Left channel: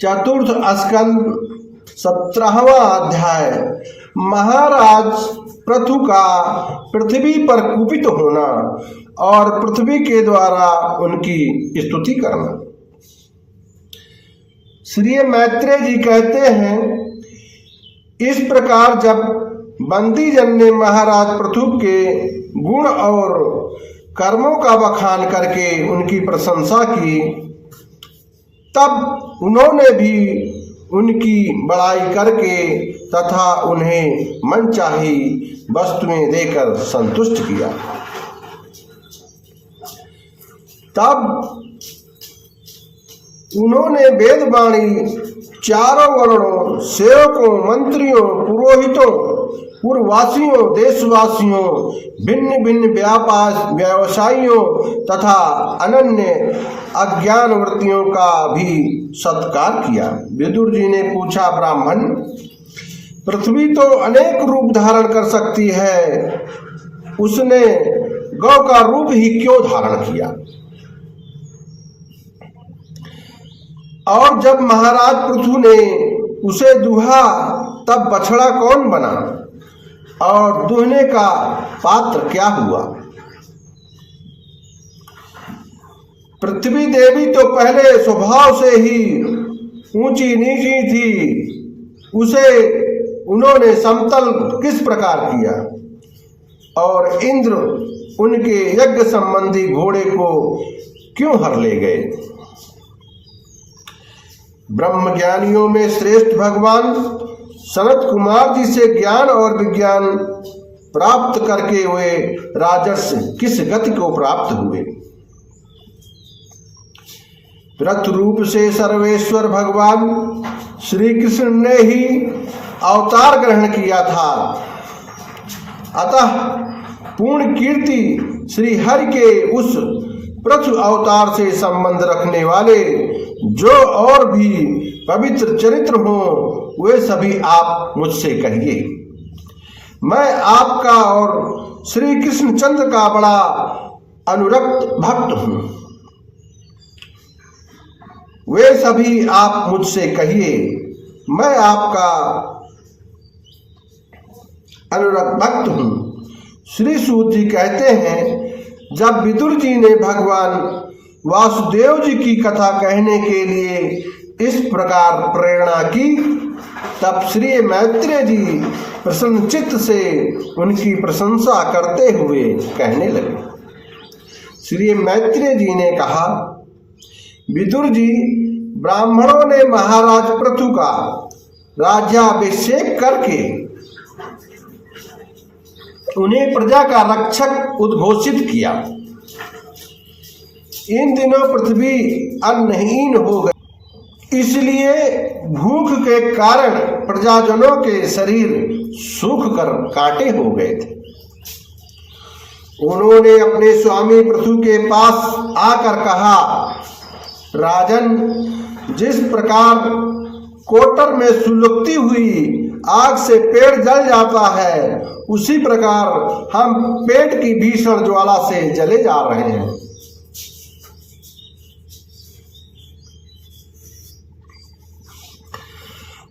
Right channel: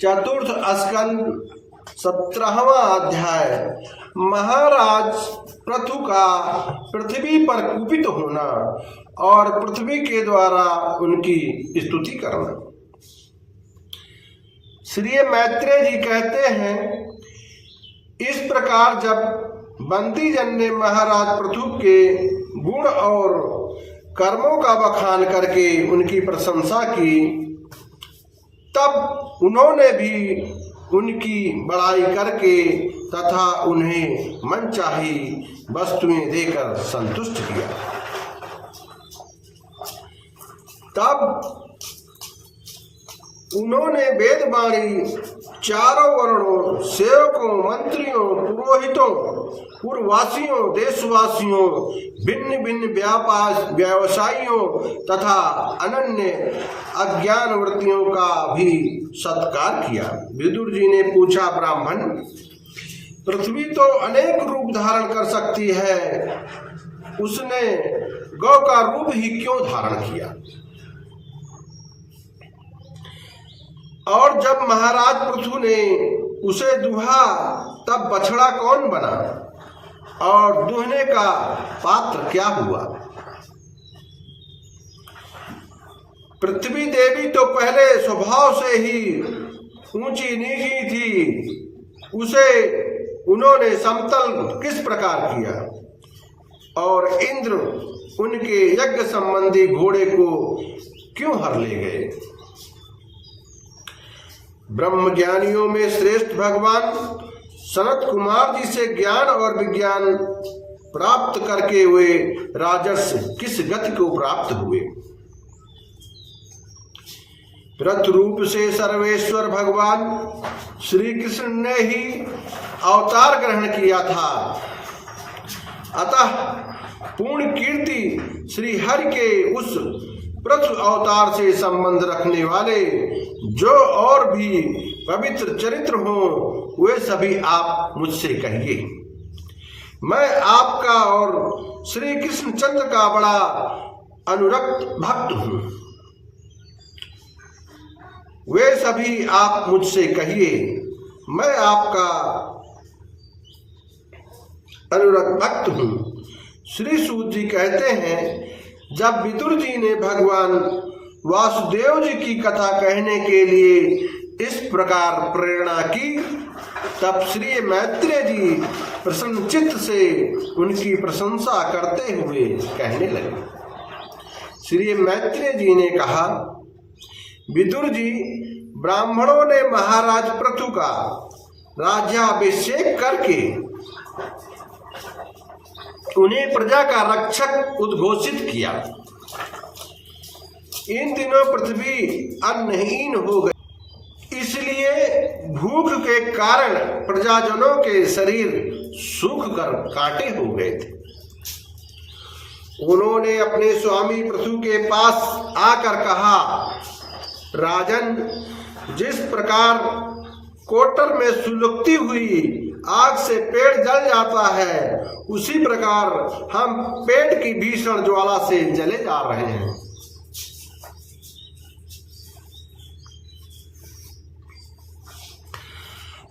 चतुर्थ स्कंद 17वां अध्याय। महाराज पृथु का पृथ्वी पर कुपित होना और पृथ्वी के द्वारा उनकी स्तुति करना। श्री मैत्रेय जी कहते हैं, इस प्रकार जब बंदी जन ने महाराज पृथु के गुण और कर्मों का बखान करके उनकी प्रशंसा की, तब उन्होंने भी उनकी बड़ाई करके तथा उन्हें मनचाही वस्तुएं देकर संतुष्ट किया। तब उन्होंने वेदवाणी चारों वर्णों, सेवकों, मंत्रियों, पुरोहितों, पूर्ववासियों, देशवासियों, भिन्न भिन्न व्यवसायियों तथा अनन्य अज्ञानवृत्तियों का भी सत्कार किया। विदुर जी ने पूछा, ब्राह्मण, पृथ्वी तो अनेक रूप धारण कर सकती है, उसने गौ का रूप ही क्यों धारण किया? और जब महाराज पृथु ने उसे दुहा तब बछड़ा कौन बना और दुहने का पात्र क्या हुआ? पृथ्वी देवी तो पहले स्वभाव से ही ऊंची नीची थी, उसे उन्होंने समतल किस प्रकार किया? और इंद्र उनके यज्ञ संबंधी घोड़े को क्यों हर ले गए? ब्रह्मज्ञानियों में श्रेष्ठ भगवान सनत कुमार जी से ज्ञान और विज्ञान प्राप्त करके हुए राजर्षि किस गति को प्राप्त हुए? रथ रूप से सर्वेश्वर भगवान श्री कृष्ण ने ही अवतार ग्रहण किया था, अतः पूर्ण कीर्ति श्री हरि के उस पृथु अवतार से संबंध रखने वाले जो और भी पवित्र चरित्र हो, वे सभी आप मुझसे कहिए। मैं आपका और श्री कृष्ण चंद्र का बड़ा अनुरक्त भक्त हूं, वे सभी आप मुझसे कहिए। मैं आपका अनुरक्त भक्त हूं। श्री सूत जी कहते हैं, जब विदुर जी ने भगवान वासुदेव जी की कथा कहने के लिए इस प्रकार प्रेरणा की, तब श्री मैत्रेय जी प्रसन्नचित्त से उनकी प्रशंसा करते हुए कहने लगे। श्री मैत्रेय जी ने कहा, विदुर जी, ब्राह्मणों ने महाराज पृथु का राज्याभिषेक करके उन्हें प्रजा का रक्षक उद्घोषित किया। इन दिनों पृथ्वी अन्नहीन हो गई, इसलिए भूख के कारण प्रजाजनों के शरीर सूख कर कांटे हो गए थे। उन्होंने अपने स्वामी पृथु के पास आकर कहा, राजन, जिस प्रकार कोटर में सुलगती हुई आग से पेड़ जल जाता है, उसी प्रकार हम पेट की भीषण ज्वाला से जले जा रहे हैं।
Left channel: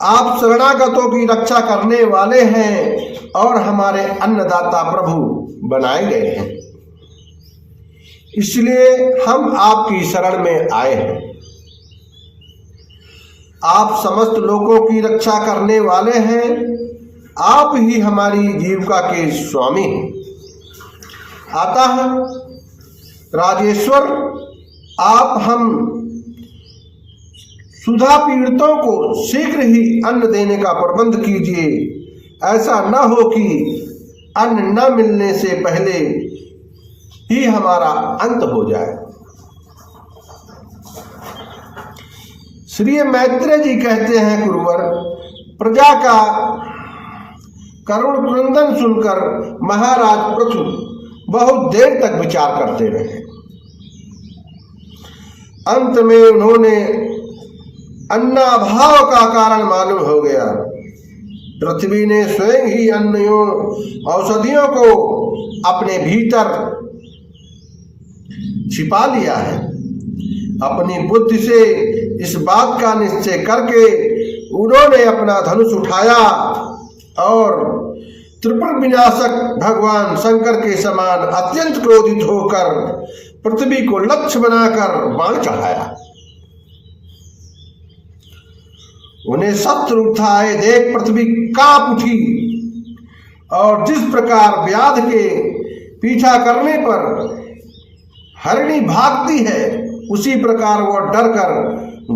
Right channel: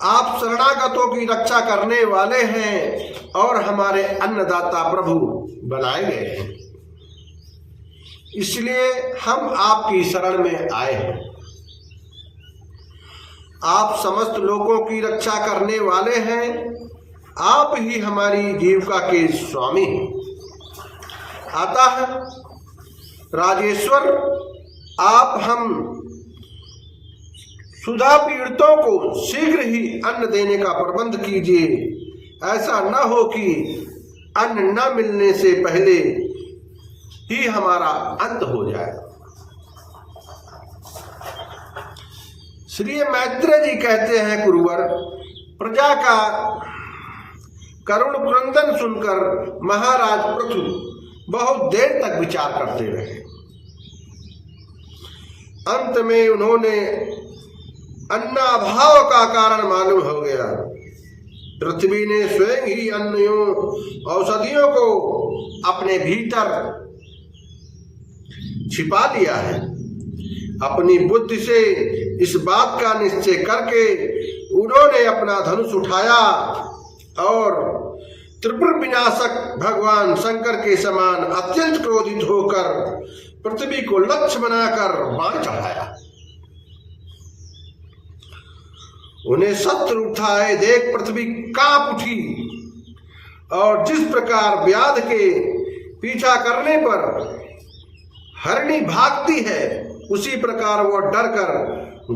आप शरणागतों की रक्षा करने वाले हैं और हमारे अन्नदाता प्रभु बनाए गए हैं, इसलिए हम आपकी शरण में आए हैं। आप समस्त लोगों की रक्षा करने वाले हैं, आप ही हमारी जीविका के स्वामी हैं। अतः राजेश्वर, आप हम सुधा पीड़ितों को शीघ्र ही अन्न देने का प्रबंध कीजिए। ऐसा न हो कि अन्न न मिलने से पहले ही हमारा अंत हो जाए। श्री मैत्रेय जी कहते हैं, गुरुवर, प्रजा का करुण क्रंदन सुनकर महाराज पृथु बहुत देर तक विचार करते रहे। अंत में उन्होंने अन्नाभाव का कारण मालूम हो गया। पृथ्वी ने स्वयं ही अन्यों औषधियों को अपने भीतर छिपा लिया है। अपनी बुद्धि से इस बात का निश्चय करके उन्होंने अपना धनुष उठाया और त्रिपुर विनाशक भगवान शंकर के समान अत्यंत क्रोधित होकर पृथ्वी को लक्ष्य बनाकर बाण चढ़ाया। उन्हें शत्रु उठाए देख पृथ्वी कांप उठी और जिस प्रकार व्याध के पीछा करने पर हरिणी भागती है उसी प्रकार वह डरकर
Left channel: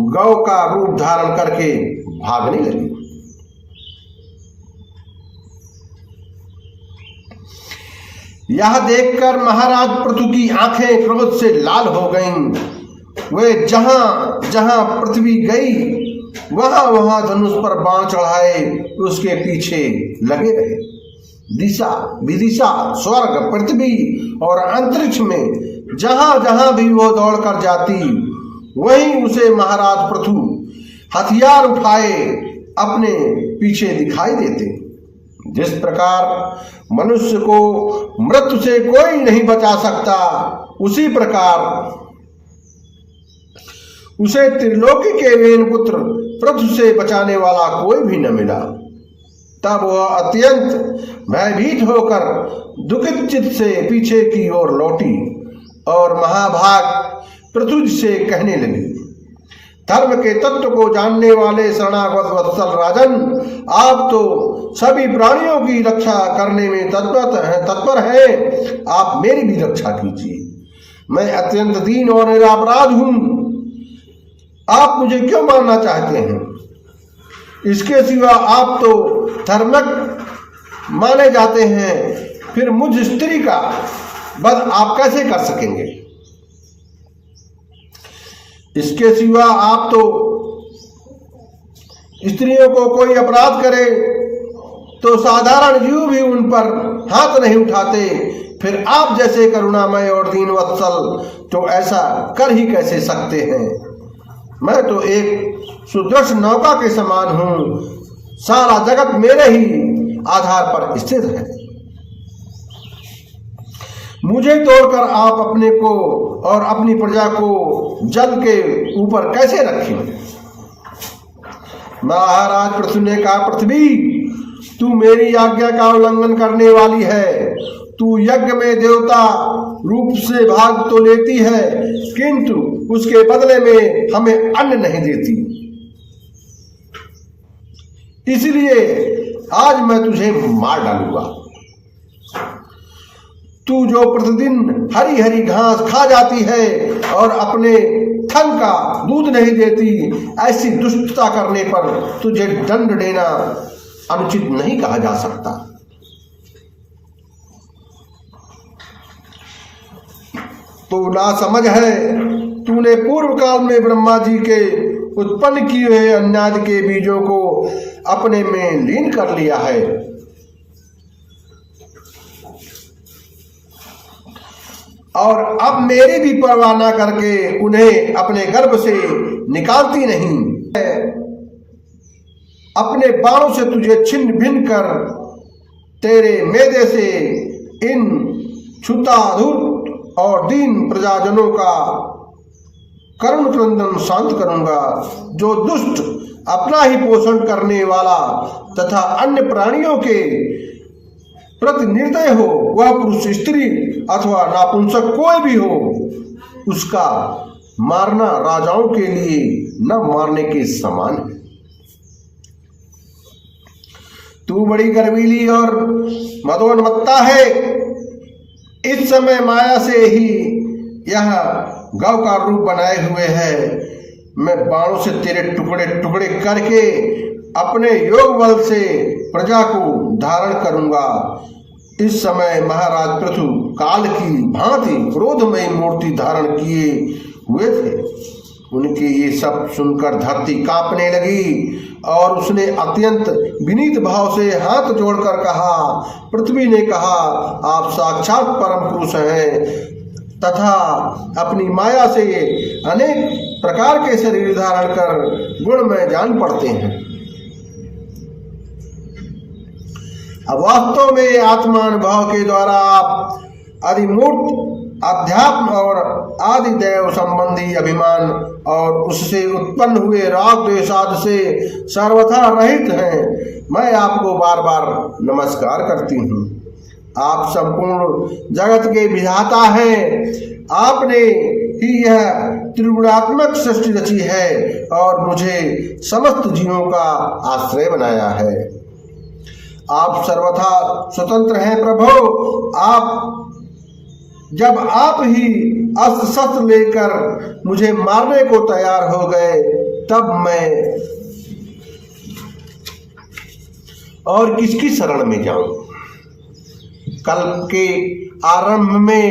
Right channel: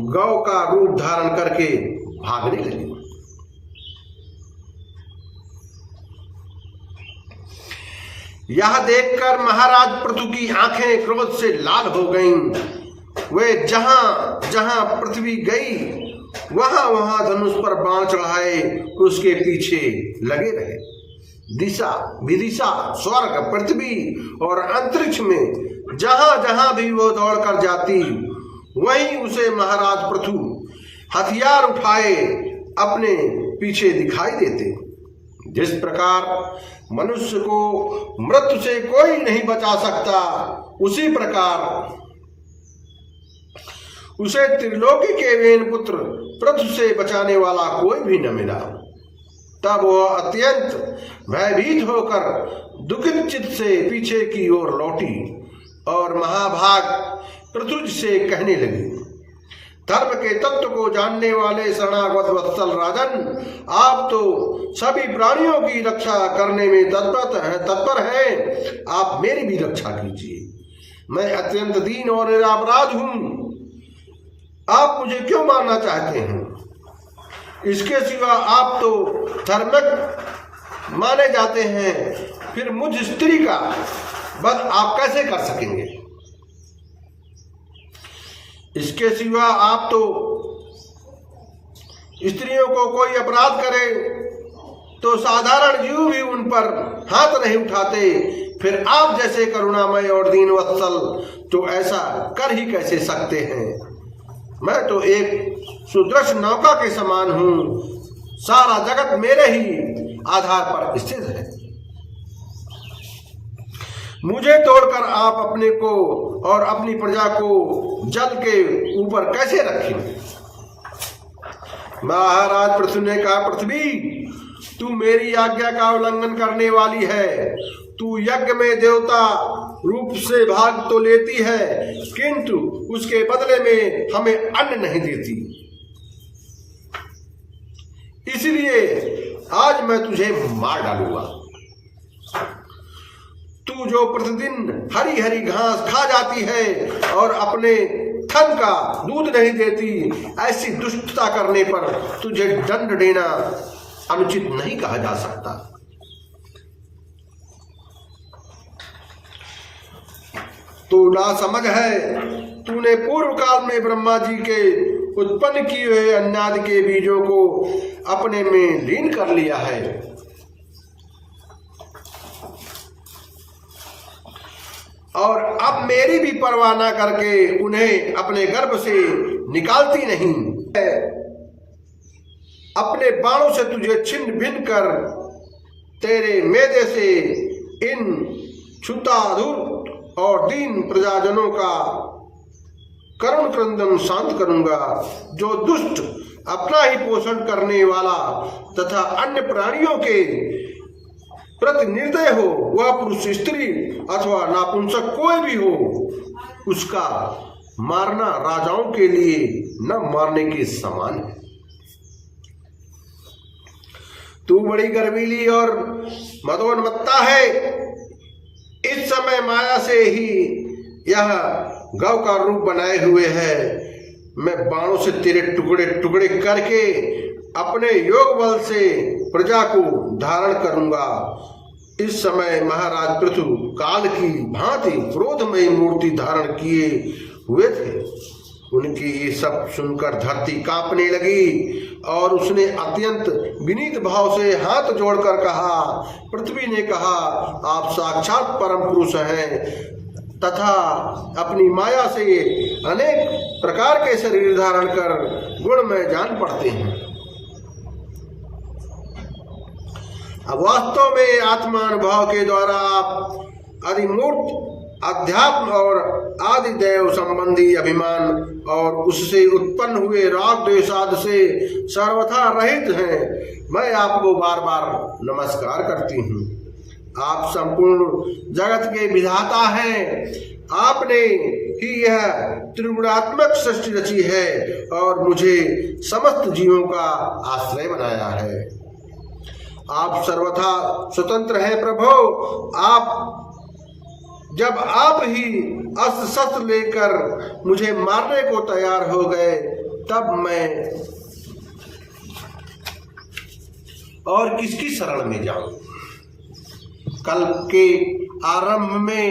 गौ का रूप धारण करके भागने लगी। यह देखकर महाराज पृथु की आंखें क्रोध से लाल हो गईं। वे जहां जहां पृथ्वी गई वहां वहां धनुष पर बाण चढ़ाए उसके पीछे लगे रहे। दिशा विदिशा स्वर्ग पृथ्वी और अंतरिक्ष में जहां जहां भी वो दौड़ कर जाती वहीं उसे महाराज पृथु हथियार उठाए अपने पीछे दिखाई देते। जिस प्रकार मनुष्य को मृत्यु से कोई नहीं बचा सकता उसी प्रकार उसे त्रिलोकी के वेन पुत्र पृथु से बचाने वाला कोई भी न मिला। तब वह अत्यंत भयभीत होकर दुखित चित्त से पीछे की ओर लौटी और महाभाग पृथु से कहने लगी, धर्म के तत्व को जानने वाले शरणागत वत्सल राजन, आप तो सभी प्राणियों की रक्षा करने में तत्पर हैं, आप मेरी भी रक्षा कीजिए। मैं अत्यंत दीन और निरपराध हूं, आप मुझे क्यों मारना चाहते हैं? इसके सिवा आप तो धर्मक माने जाते हैं, फिर मुझ स्त्री का वध आप कैसे कर सकेंगे? इसके सिवा आप तो स्त्रियों को कोई अपराध करे तो साधारण जीव भी उन पर हाथ नहीं उठाते, फिर आप जैसे करुणामय और दीन वत्सल तो ऐसा कर ही कैसे सकते हैं? मैं तो एक सुदृढ़ नौका के समान हूं, सारा जगत मेरे ही आधार पर स्थित है। मुझे तोड़कर आप अपने को और अपनी प्रजा को जल के ऊपर कैसे रखें? महाराज पृथु ने कहा, पृथ्वी तू मेरी आज्ञा का उल्लंघन करने वाली है। तू यज्ञ में देवता रूप से भाग तो लेती है किंतु उसके बदले में हमें अन्न नहीं देती, इसलिए आज मैं तुझे मार डालूंगा। तू जो प्रतिदिन हरी हरी घास खा जाती है और अपने थन का दूध नहीं देती, ऐसी दुष्टता करने पर तुझे दंड देना अनुचित नहीं कहा जा सकता। तो ना समझ है, तूने पूर्व काल में ब्रह्मा जी के उत्पन्न किए हुए अन्नादि के बीजों को अपने में लीन कर लिया है और अब मेरी भी परवाह न करके उन्हें अपने गर्भ से निकालती नहीं। अपने बाणों से तुझे छिन्न भिन्न कर तेरे मेदे से इन क्षुताधुर और दीन प्रजाजनों का करुण क्रंदन शांत करूंगा। जो दुष्ट अपना ही पोषण करने वाला तथा अन्य प्राणियों के प्रति निर्दय हो, वह पुरुष स्त्री अथवा नापुंसक कोई भी हो, उसका मारना राजाओं के लिए न मारने के समान है। तू बड़ी गर्वीली और मदोन्मत्ता है। इस समय माया से ही यह गौ का रूप बनाए हुए है। मैं बाणों से तेरे टुकड़े टुकड़े करके अपने योग बल से प्रजा को धारण करूंगा। इस समय महाराज पृथु काल की भांति क्रोधमयी मूर्ति धारण किए हुए थे। उनके ये सब सुनकर धरती कांपने लगी और उसने अत्यंत विनीत भाव से हाथ जोड़कर कहा। पृथ्वी ने कहा, आप साक्षात परम पुरुष हैं तथा अपनी माया से अनेक प्रकार के शरीर धारण कर गुणमय जान पड़ते हैं। अब वास्तव में आत्मानुभाव के द्वारा आप अधिमूर्त अध्यात्म और आदि देव संबंधी अभिमान और उससे उत्पन्न हुए राग द्वेषादि से सर्वथा रहित हैं, मैं आपको बार बार नमस्कार करती हूँ। आप संपूर्ण जगत के विधाता हैं। आपने ही यह त्रिगुणात्मक सृष्टि रची है और मुझे समस्त जीवों का आश्रय बनाया है। आप सर्वथा स्वतंत्र हैं प्रभु। जब आप ही अस्त्र शस्त्र लेकर मुझे मारने को तैयार हो गए, तब मैं और किसकी शरण में जाऊं? कल के आरंभ में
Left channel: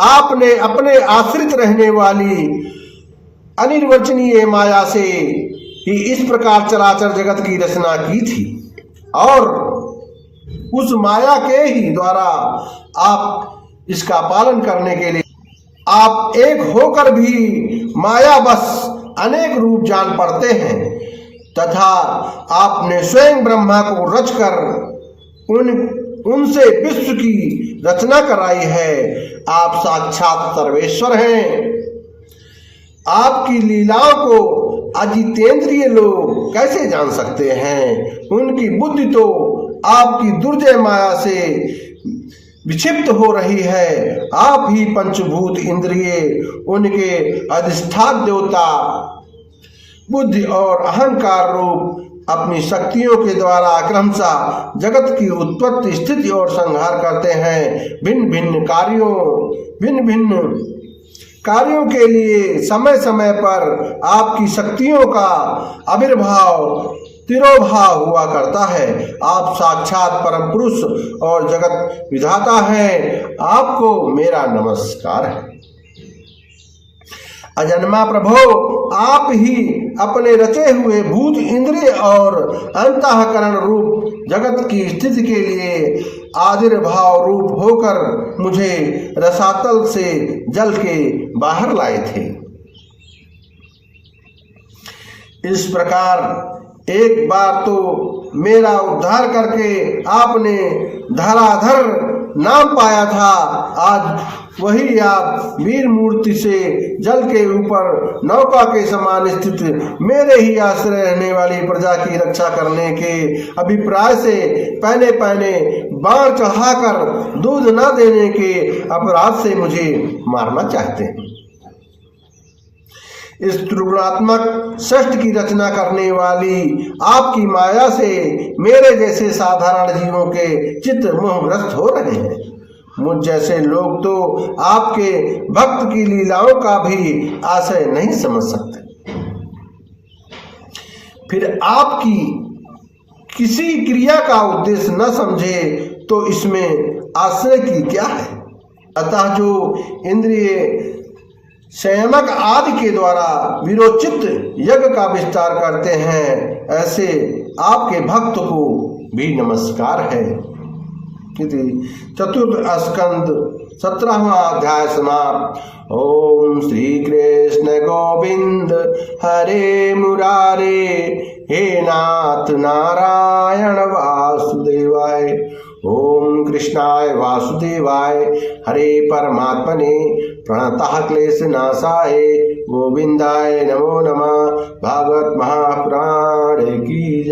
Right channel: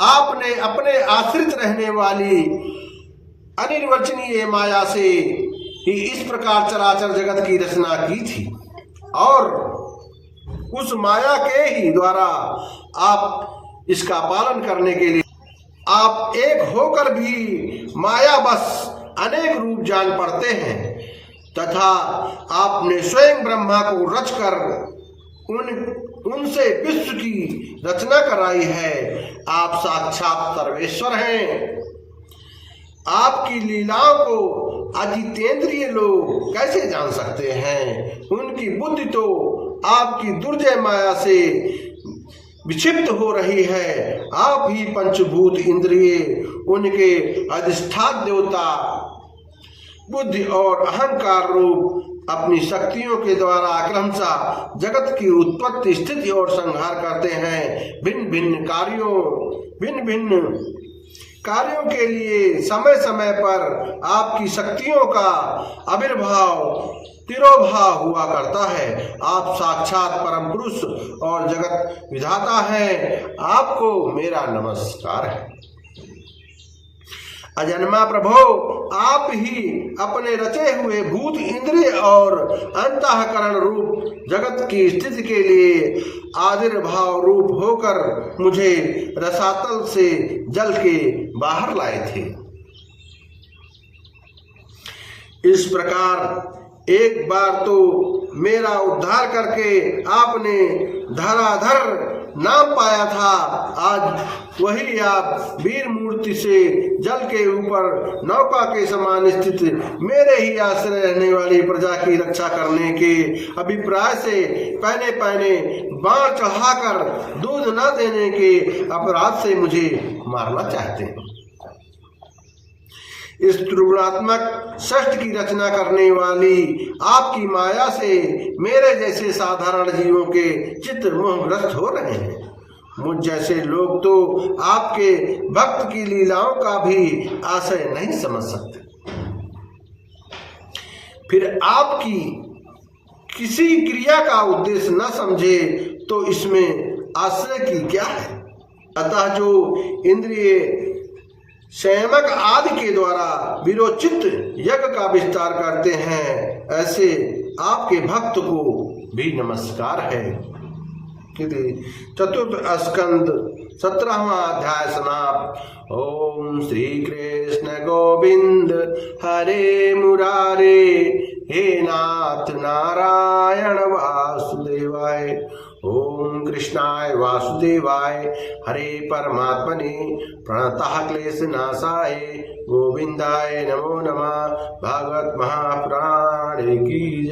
आपने अपने आश्रित रहने वाली अनिर्वचनीय माया से ही इस प्रकार चराचर जगत की रचना की थी और उस माया के ही द्वारा आप इसका पालन करने के लिए आप एक होकर भी माया बस अनेक रूप जान पड़ते हैं तथा आपने स्वयं ब्रह्मा को रचकर उनसे विश्व की रचना कराई है। आप साक्षात सर्वेश्वर हैं। आपकी लीलाओं को अजितेंद्रिय लोग कैसे जान सकते हैं? उनकी बुद्धि तो आपकी दुर्जय माया से विक्षिप्त हो रही है। आप ही पंचभूत इंद्रिय, उनके अधिष्ठान देवता, बुद्धि और अहंकार रूप अपनी शक्तियों के द्वारा क्रमशः जगत की उत्पत्ति, स्थिति और संहार करते हैं। भिन्न भिन्न कार्यों के लिए समय समय पर आपकी शक्तियों का आविर्भाव तिरोभाव हुआ करता है। आप साक्षात परम पुरुष और जगत विधाता हैं। आपको मेरा नमस्कार है। अजन्मा प्रभो, आप ही अपने रचे हुए भूत, इंद्रिय और अंतःकरण रूप जगत की स्थिति के लिए आविर्भाव रूप होकर मुझे रसातल से जल के बाहर लाए थे। इस प्रकार एक बार तो मेरा उद्धार करके आपने धराधर नाम पाया था। आज वही आप वीर मूर्ति से जल के ऊपर नौका के समान स्थित मेरे ही आश्रय रहने वाली प्रजा की रक्षा करने के अभिप्राय से पहले पहले बाण चढ़ाकर दूध न देने के अपराध से मुझे मारना चाहते हैं। इस त्रिगुणात्मक सृष्टि की रचना करने वाली आपकी माया से मेरे जैसे साधारण जीवों के चित्त मोहग्रस्त हो रहे हैं। मुझ जैसे लोग तो आपके भक्त की लीलाओं का भी आशय नहीं समझ सकते। फिर आपकी किसी क्रिया का उद्देश्य न समझे तो इसमें आश्रय की क्या है? अतः जो इंद्रिय संयमक आदि के द्वारा विरोचित यज्ञ का विस्तार करते हैं, ऐसे आपके भक्त को भी नमस्कार है। चतुर्थ स्कंद 17वां अध्याय समाप्त। ओम श्री कृष्ण गोविंद हरे मुरारे, हे नाथ नारायण वासुदेवाय। ओम कृष्णाय वासुदेवाय हरे परमात्मने प्रणतः क्लेश नाशाय गोविंदाय नमो नमः। भागवत महापुराण की